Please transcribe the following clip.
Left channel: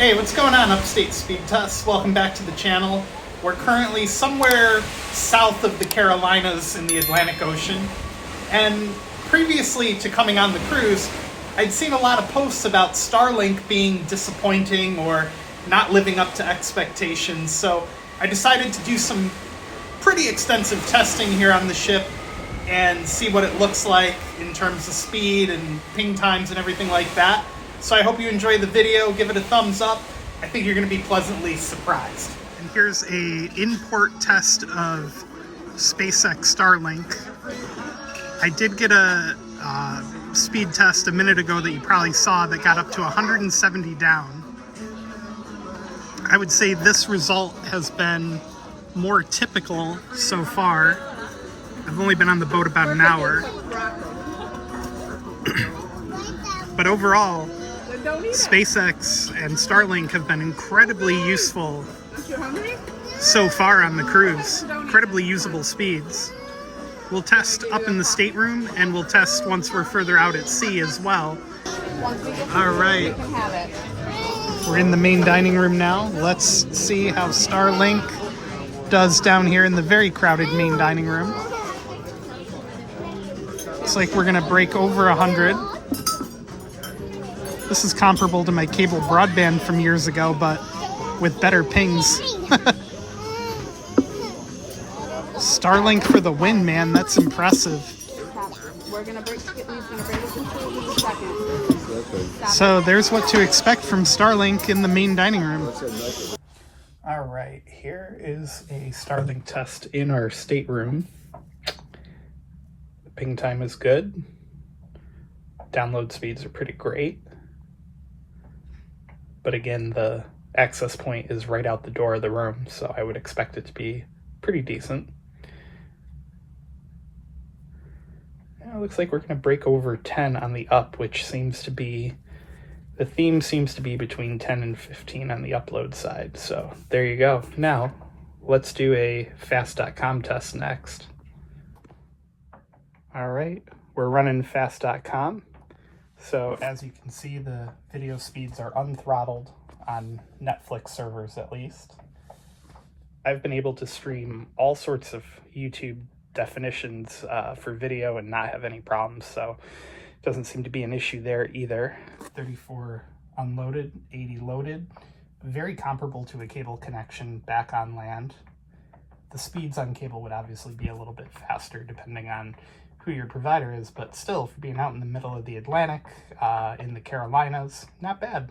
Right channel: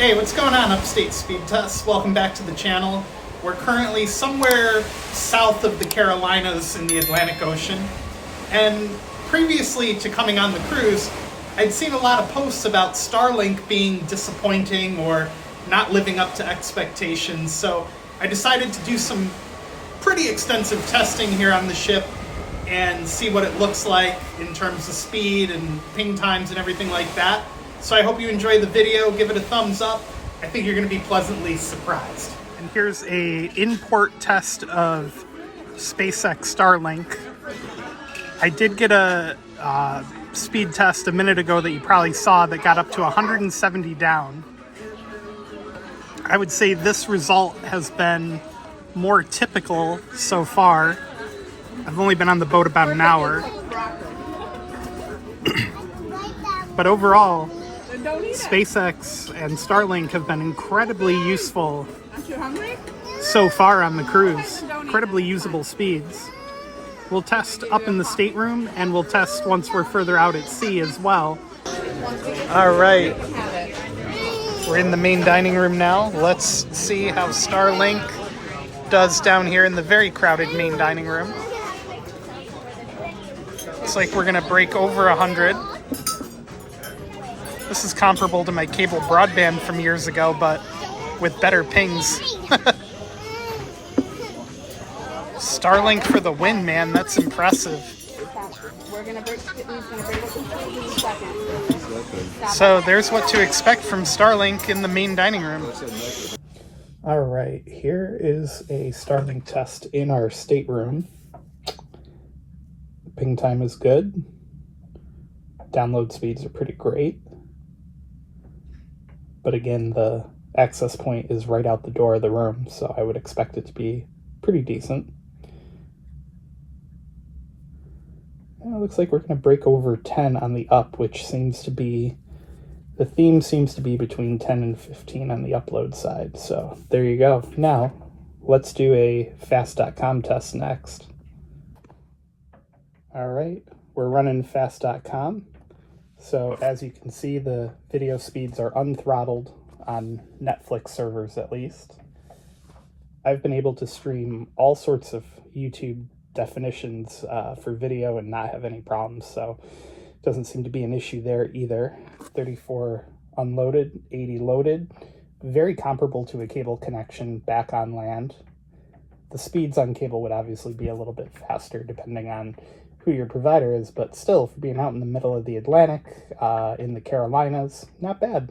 Hey, what's going on, Upstate Speedtests? Welcome back to the channel. We're currently somewhere south of the Carolinas in the Atlantic Ocean. And previously to coming on the cruise, I'd seen a lot of posts about Starlink being disappointing or not living up to expectations. So I decided to do some pretty extensive testing here on the ship and see what it looks like in terms of speed and ping times and everything like that. So I hope you enjoy the video. Give it a thumbs up. I think you're going to be pleasantly surprised. And here's a in-port test of SpaceX Starlink. I did get a speed test a minute ago that you probably saw that got up to 170 down. I would say this result has been more typical so far. I've only been on the boat about an hour. But overall, SpaceX and Starlink have been incredibly useful so far on the cruise. Incredibly usable speeds. We'll test up in the stateroom and we'll test once we're further out at sea as well. All right, we're in the main dining room now. Let's see how Starlink does down here in the very crowded main dining room. Looks like we're gonna break over 100. This is comparable to my cable broadband from years ago, but with better pings. Starlink for the win, man. That's impressive. So there's what to expect from Starlink in the main dining room. All right, here is a Starlink test in our stateroom. Ping time is good. Download speeds are pretty great. But again, the access point is right out the door of the room, so I would expect it to be pretty decent. It looks like we're going to break over 10 on the up, which seems to be, the theme seems to be between 10 and 15 on the upload side. So there you go. Now, let's do a Fastcom test next. All right, we're running Fast.com. So as you can see, the video speeds are unthrottled on Netflix servers at least. I've been able to stream all sorts of YouTube definitions for video and not have any problems, so it doesn't seem to be an issue there either. 34 unloaded, 80 loaded. Very comparable to a cable connection back on land. The speeds on cable would obviously be a little bit faster depending on who your provider is, but still, for being out in the middle of the Atlantic, in the Carolinas, not bad.